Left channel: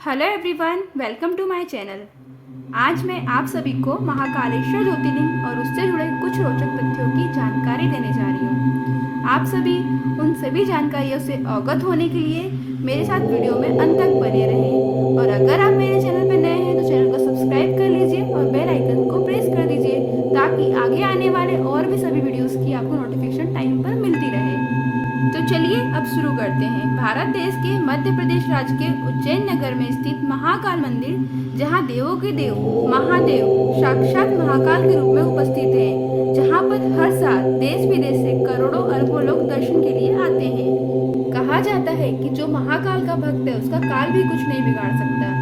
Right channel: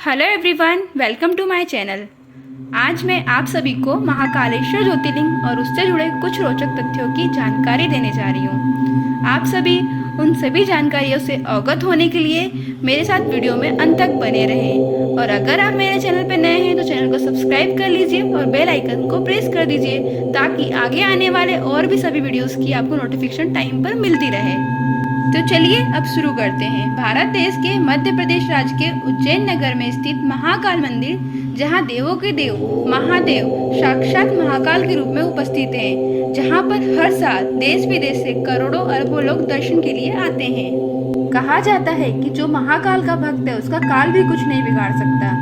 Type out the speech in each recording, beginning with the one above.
Hello everyone, welcome to my channel. आज मैं आप सभी को महाकालेश्वर ज्योतिर्लिंग और उससे जुड़े कुछ रोचक तथ्यों की जानकारी देने जा रही हूँ। आप सभी उन सभी जानकारियों से अवगत होने के लिए मेरे साथ वीडियो में अंत तक बने रहें। और अगर आप मेरे चैनल पर नए हैं तो चैनल को सब्सक्राइब कर लीजिए और बेल आइकन को प्रेस कर दीजिए ताकि आगे आने वाले और भी सभी वीडियोज़ की आपको नोटिफिकेशन टाइम पर मिलती रहे। तो चलिए अब शुरू करते हैं। भारत देश के मध्य प्रदेश राज्य के उज्जैन नगर में स्थित महाकाल मंदिर, जहां देवों के देव महादेव साक्षात महाकाल के रूप में उपस्थित हैं, जहां पर हर साल देश विदेश से करोड़ों अरबों लोग दर्शन के लिए आते हैं। कहा जाता है कि जो महाकाल का भक्त है उसका काल भी कुछ नहीं बिगाड़ सकता।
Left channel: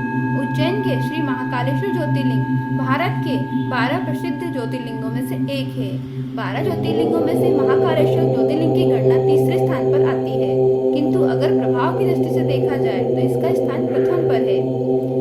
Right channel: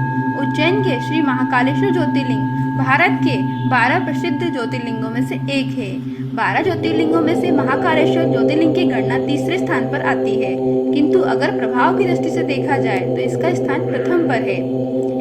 उज्जैन के श्री महाकालेश्वर ज्योतिर्लिंग भारत के 12 प्रसिद्ध ज्योतिर्लिंगों में से एक है। 12 ज्योतिर्लिंगों में से महाकालेश्वर ज्योतिर्लिंग की गणना तीसरे स्थान पर आती है, किंतु अगर प्रभाव की दृष्टि से देखा जाए तो इसका स्थान प्रथम पर है।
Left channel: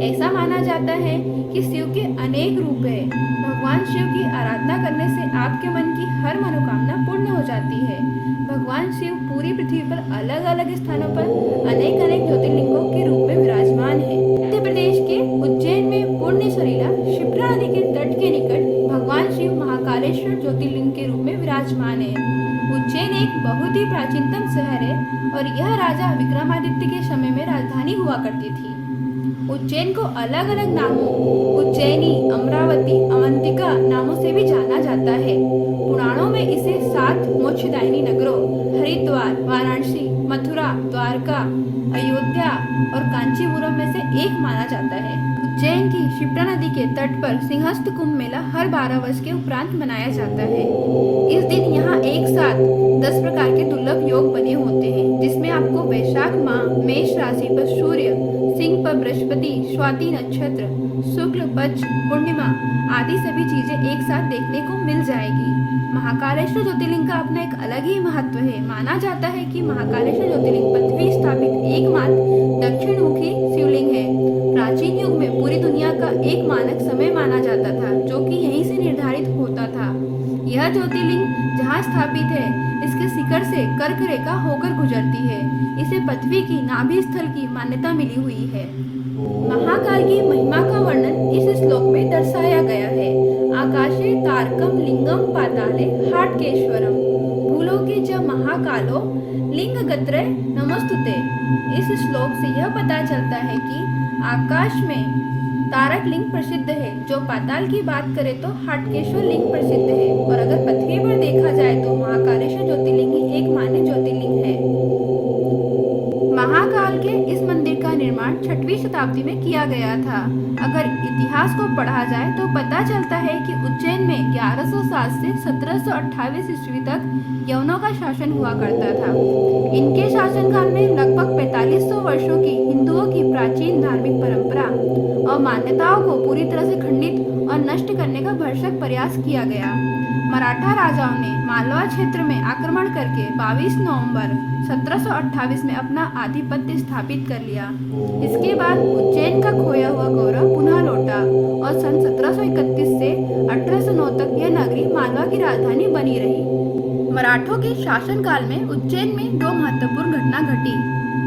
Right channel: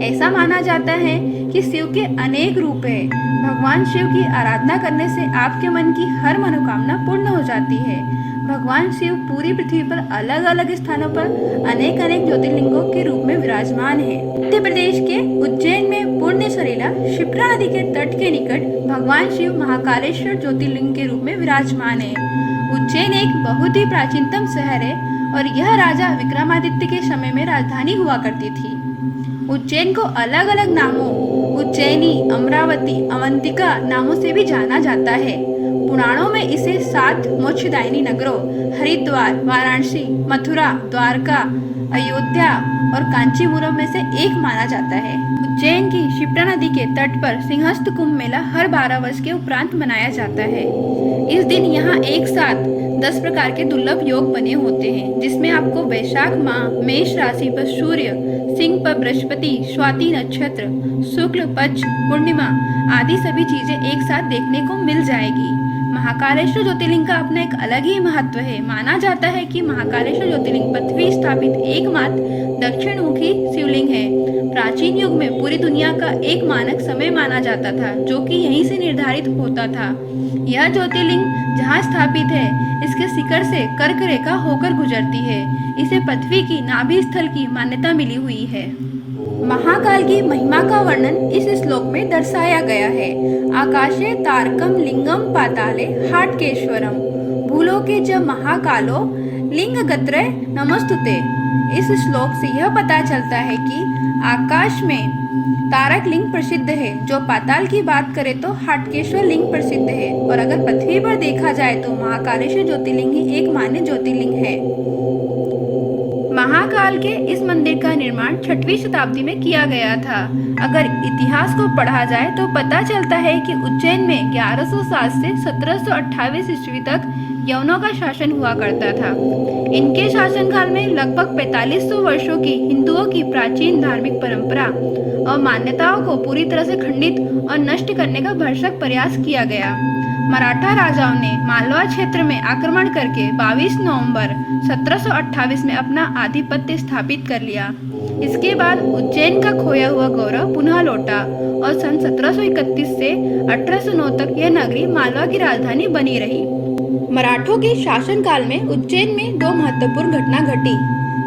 ऐसा माना जाता है कि शिव के अनेक रूप हैं। भगवान शिव की आराधना करने से आपके मन की हर मनोकामना पूर्ण हो जाती है। भगवान शिव पूरी पृथ्वी पर अलग अलग स्थानों पर अनेक अनेक ज्योतिर्लिंगों के रूप में विराजमान है। मध्य प्रदेश के उज्जैन में पुण्य सलीला क्षिप्रा नदी के तट के निकट भगवान शिव महाकालेश्वर ज्योतिर्लिंग के रूप में विराजमान है। उज्जैन एक बहुत ही प्राचीनतम शहर है और यह राजा विक्रमादित्य के समय में राजधानी हुआ करती थी। उज्जैन को अलग अलग नामों उज्जैनी, अमरावती, अवंतिका नामों से भी जाना जाता है। पुराणों में इसे 7 मोक्षदायिनी नगरों हरिद्वार, वाराणसी, मथुरा, द्वारका, अयोध्या और कांचीपुरम में से एक माना जाता है। उज्जैन की क्षिप्रा नदी के तट पर सिंहस्थ कुंभ मेला हर 12 वर्ष के उपरांत मनाया जाता है। इस दिन यहाँ एक साथ 10 प्रकार के दुर्लभ योग बने होते हैं, जिसमें आपको वैशाख माह मेष राशि पर सूर्य, सिंह पर बृहस्पति, स्वाति नक्षत्र, शुक्ल पक्ष पूर्णिमा आदि सभी चीजें एक साथ देखने को मिल जाएगी। महाकालेश्वर ज्योतिर्लिंग का अपना एक अलग ही महत्व है। माना जाता है कि महाकालेश्वर ज्योतिर्लिंग पृथ्वी स्थापित एकमात्र दक्षिण मुखी शिवलिंग है। प्राचीन युग में पूरी दुनिया का एक मानक समय माना जाता था, जो कि यहीं से निर्धारित होता था। यह ज्योतिर्लिंग जहाँ स्थापित है, इसके शिखर से कर्क रेखा होकर गुजरती है। इसे पृथ्वी की नाभि स्थल की मान्यता मिली हुई है। महाकाल की महिमा का वर्णन इस श्लोक में दर्शाया गया है। आकाशे तारकम लिंगम पाताले हाटकेश्वरम भूलोके च महाकालो लिंगगत्रे नमस्तुते। इस श्लोक से यह पता चलता है कि आकाश में तारक लिंग प्रसिद्ध है, जो पाताल की बात करें तो हाटकेश्वर लिंग प्रसिद्ध है, और अगर पृथ्वी पर देखा जाए तो महाकालेश्वर ज्योतिर्लिंग ही एक मान्य ज्योतिर्लिंग है। महाकाल के इस मंदिर का निर्माण 6वीं शताब्दी में किया गया था। अगर इतिहास को पढ़ा जाए तो पता चलता है कि उज्जैन में 1107 से 1728 ईस्वी तक यवनों का शासन हुआ करता था। इनके शासनकाल में लगभग 4500 वर्षों की हिंदुओं की प्राचीन धार्मिक परंपरा और मान्यताओं को पूरी तरह से खंडित और नष्ट करने का भरसक प्रयास किया गया। मराठा राजाओं ने मालवा क्षेत्र में आक्रमण करके 22 नवंबर 1728 में अपना आधिपत्य स्थापित कर लिया। इसके बाद उज्जैन का खोया हुआ गौरव पुनः लौटा और सन 1731 से 1809 तक यह नगरी मालवा की राजधानी बनी रही। मराठों के शासनकाल में उज्जैन में 2 महत्वपूर्ण घटना घटी,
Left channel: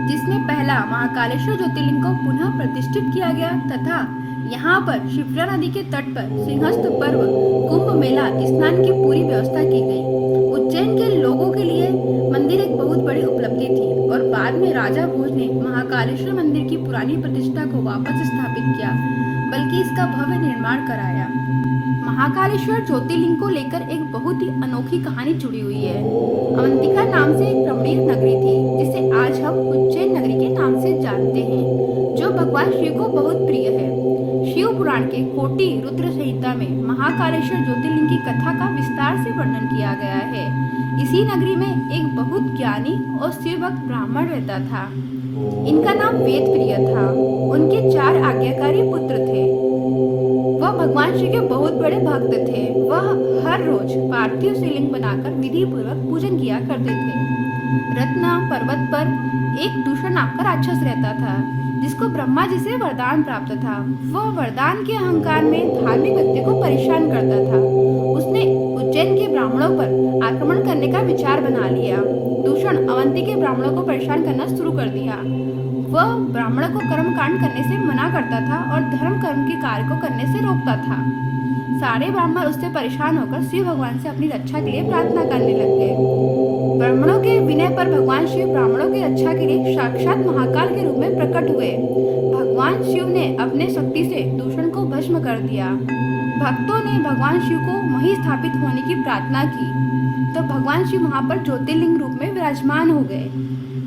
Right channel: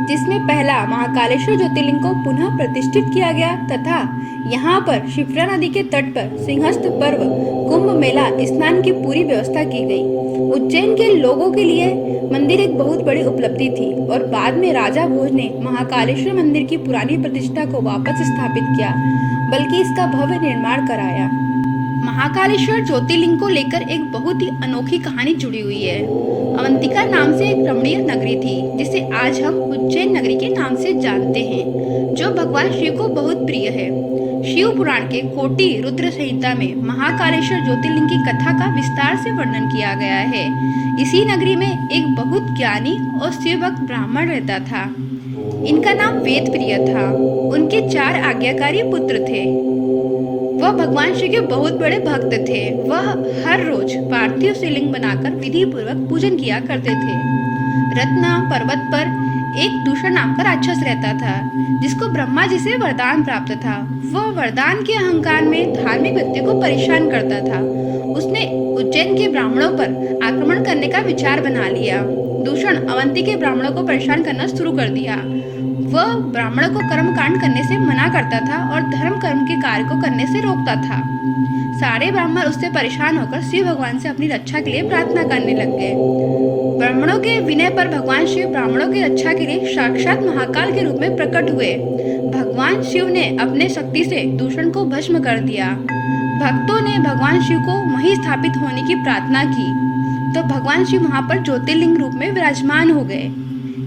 जिसमें पहला महाकालेश्वर ज्योतिर्लिंग को पुनः प्रतिष्ठित किया गया तथा यहाँ पर क्षिप्रा नदी के तट पर सिंहस्थ पर्व कुंभ मेला स्नान की पूरी व्यवस्था की गई। उज्जैन के लोगों के लिए मंदिर एक बहुत बड़ी उपलब्धि थी और बाद में राजा भोज ने महाकालेश्वर मंदिर की पुरानी प्रतिष्ठा को वापस स्थापित किया, बल्कि इसका भव्य निर्माण कराया। महाकालेश्वर ज्योतिर्लिंग को लेकर एक बहुत ही अनोखी कहानी जुड़ी हुई है। अवंतिका नाम से एक रमणीय नगरी थी, जिसे आज हम उज्जैन नगरी के नाम से जानते हैं, जो भगवान शिव को बहुत प्रिय है। शिव पुराण के कोटि रुद्र संहिता में महाकालेश्वर ज्योतिर्लिंग की कथा का विस्तार से वर्णन किया गया है। इसी नगरी में एक बहुत ज्ञानी और शिवभक्त ब्राह्मण रहता था। इनका नाम वेद प्रिय था। उनके 4 आज्ञाकारी पुत्र थे। वह भगवान शिव के बहुत बड़े भक्त थे। वह हर रोज पार्थिव शिवलिंग बनाकर विधि पूर्वक पूजन किया करते थे। रत्न पर्वत पर एक दूषण नाम का राक्षस रहता था, जिसको ब्रह्मा जी से वरदान प्राप्त था। वह वरदान के अहंकार में धार्मिक व्यक्तियों को परेशान करता था। उसने उज्जैन के ब्राह्मणों पर आक्रमण करने का विचार बना लिया। दूषण अवंती के ब्राह्मणों को परेशान करना शुरू कर दिया। वह ब्राह्मणों को कर्म कांड करने से मना करता था और धर्म कर्म के कार्य को करने से रोकता था। सारे ब्राह्मण उससे परेशान होकर शिव भगवान से अपनी रक्षा के लिए प्रार्थना करने लग गए। ब्राह्मणों के विनय पर भगवान शिव ब्राह्मणों की रक्षा के लिए साक्षात महाकाल के रूप में प्रकट हुए। भगवान शिव ने अपने शक्ति से दूषण को भस्म कर दिया। भक्तों ने भगवान शिव को वहीं स्थापित होने की प्रार्थना की तो भगवान शिव वहां पर ज्योतिर्लिंग रूप में विराजमान हो गए।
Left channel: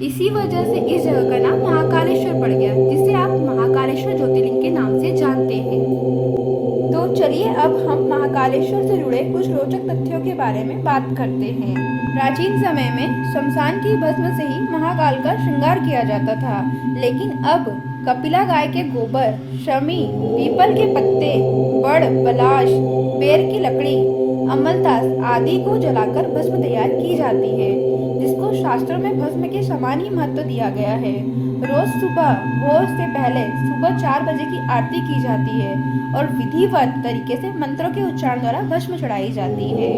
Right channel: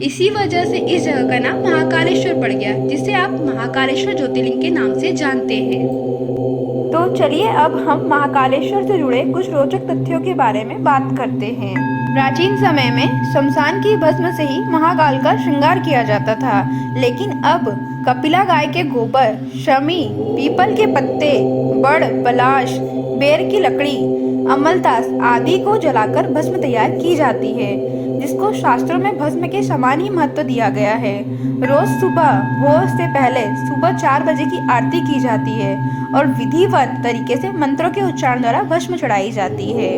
इसी वजह से इस जगह का नाम महाकालेश्वर पड़ गया, जिसे आप महाकालेश्वर ज्योतिर्लिंग के नाम से जानते हैं। तो चलिए अब हम महाकालेश्वर से जुड़े कुछ रोचक तथ्यों के बारे में बात करते हैं। प्राचीन समय में शमशान की भस्म से ही महाकाल का श्रृंगार किया जाता था, लेकिन अब कपिला गाय के गोबर, शमी, पीपल के पत्ते, बड़, पलाश, बेर की लकड़ी, अमलतास आदि को जलाकर भस्म तैयार की जाती है, जिसको शास्त्रों में भस्म के समान ही महत्व दिया गया है। रोज सुबह भोर से पहले सुबह 4 बजे की आरती की जाती है और विधिवत तरीके से मंत्रों के उच्चारण द्वारा भस्म चढ़ाई जाती है।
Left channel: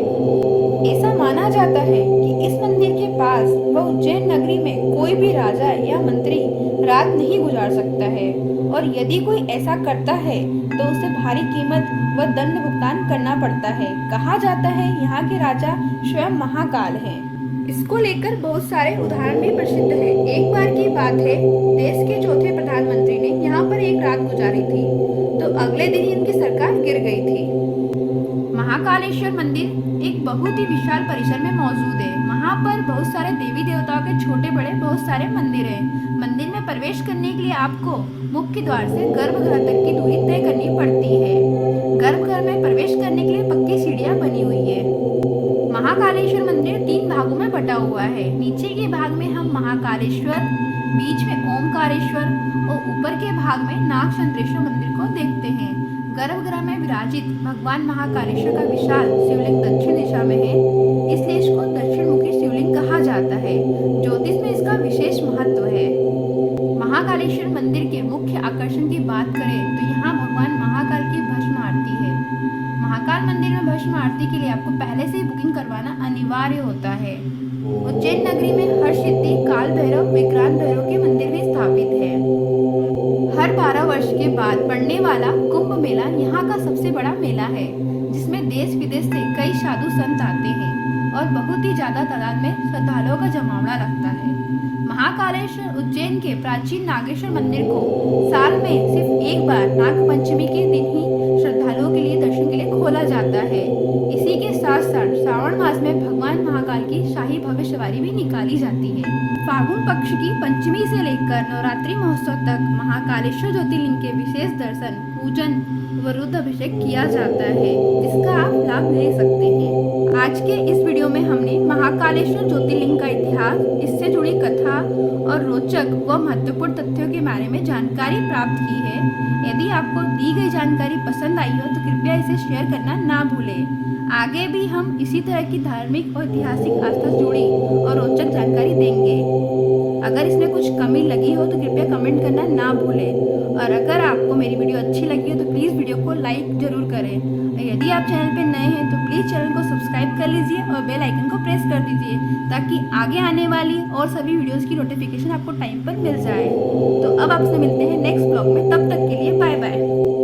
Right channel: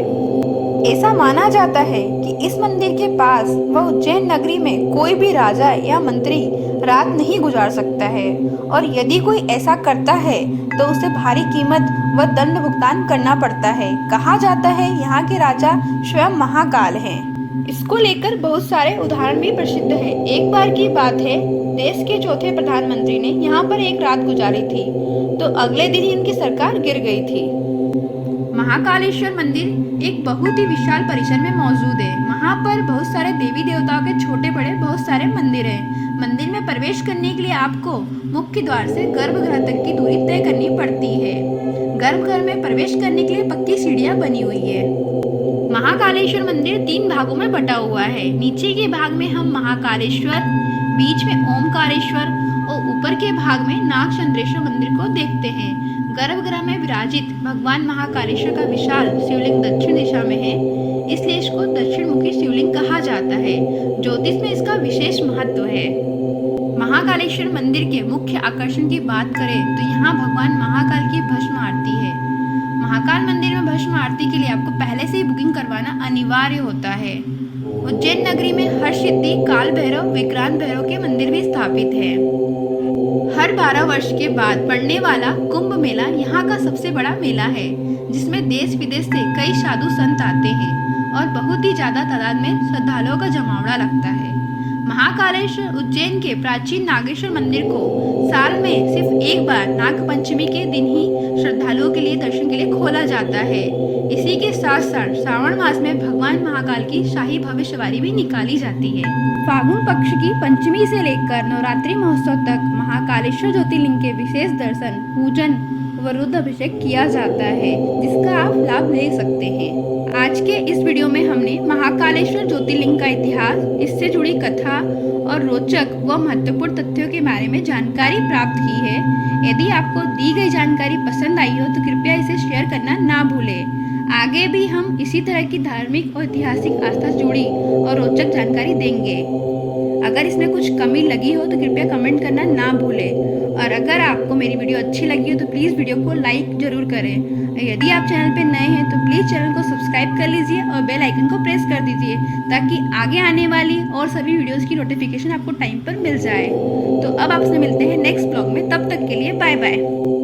ऐसा माना जाता है कि इस मंदिर के पास व उज्जैन नगरी में कोई भी राजा या मंत्री रात नहीं गुजार सकता है, और यदि कोई ऐसा करता है तो उसे भारी कीमत व दंड भुगतान करना पड़ता है। कहा जाता है यहाँ के राजा स्वयं महाकाल हैं। इसको लेकर बहुत सारे उदाहरण भी प्रसिद्ध है। एक बार की बात है, देश के चौथे प्रधानमंत्री ने यहाँ पर एक रात गुजारी थी तो अगले दिन ही इनकी सरकार गिर गई थी। महाकालेश्वर मंदिर एक बहुत ही विशाल परिसर में मौजूद है। वहाँ पर बहुत सारे देवी देवताओं के छोटे बड़े बहुत सारे मंदिर हैं। मंदिर में प्रवेश करने के लिए आपको मुख्य द्वार से गर्भगृह तक की दूरी तय करनी पड़ती है। गर्भगृह में प्रवेश करने के लिए पक्की सीढ़ियाँ बनी हुई है। महाकालेश्वर मंदिर 3 भागों में बटा हुआ है। नीचे के भाग में हम महाकालेश्वर, बीच में ओमकारेश्वर और ऊपर के भाग में नागचंद्रेश्वर मंदिर को देखते हैं। गर्भगृह में विराजित भगवान महाकालेश्वर का विशाल शिवलिंग दक्षिण दिशा में है, इसलिए इसको दक्षिण मुखी शिवलिंग कहा जाता है। ज्योतिष में इसका विशेष महत्व है। महाकालेश्वर मंदिर के मुख्य आकर्षण की बात करें तो यहाँ भगवान महाकाल की भस्म आरती है। महाकाल मंदिर में भस्म आरती के लिए आपको पहले से ही बुकिंग करवाना अनिवार्य होता है। उज्जैन नगरी में हरसिद्धि, काल भैरव, विक्रांत भैरव के मंदिर भी स्थापित है। हर 12 वर्ष के बाद पड़ने वाला कुंभ मेला यहाँ का सबसे बड़ा मेला है, जिसमें देश विदेश से कई साधु संत आते हैं और बहुत ही ज्यादा तादाद में श्रद्धालुओं का जमावड़ा लगता है। महाकालेश्वर उज्जैन के प्राचीन नागेश्वर मंदिर को साल में सिर्फ एक बार नाग पंचमी के दिन ही श्रद्धालुओं के लिए दर्शन के लिए खोला जाता है। इसी के साथ साथ श्रावण मास में भगवान महाकाल की शाही भव्य सवारी भी निकाली जाती है। फागुन पक्ष की पंचमी से लेकर नवरात्रि महोत्सव तक महाकालेश्वर ज्योतिर्लिंग के विशेष दर्शन, पूजन व रुद्राभिषेक किया जाता है, जिसका आप लाभ ले सकते हैं। आज के इस वीडियो में हमने महाकालेश्वर ज्योतिर्लिंग का इतिहास, इससे जुड़ी कथा और रोचक व महत्वपूर्ण तथ्यों के बारे में जानकारी प्राप्त की है। यदि आपको दी गई जानकारी पसंद आई हो तो कृपया इसे शेयर करना ना भूलें। आगे भी हम इसी तरह की धार्मिक और ऐतिहासिक आस्था से जुड़ी और रोचक जानकारी देंगे। अगर इसमें कुछ कमी लगी हो तो कृपया कमेंट करना ना भूलें, और अगर आपको मेरी वीडियो अच्छी लगी हो तो प्लीज़ वीडियो को लाइक ज़रूर करें। यदि आप चैनल पर नए हैं तो प्लीज़ चैनल को सब्सक्राइब कर लीजिए और बेल आइकन को प्रेस कर दीजिए, ताकि आगे आने वाली और सभी वीडियोज़ की नोटिफिकेशन आपको टाइम पर मिल जाए। तो अब आपसे मिलते हैं नेक्स्ट ब्लॉग में, तब तक के लिए बाय बाय।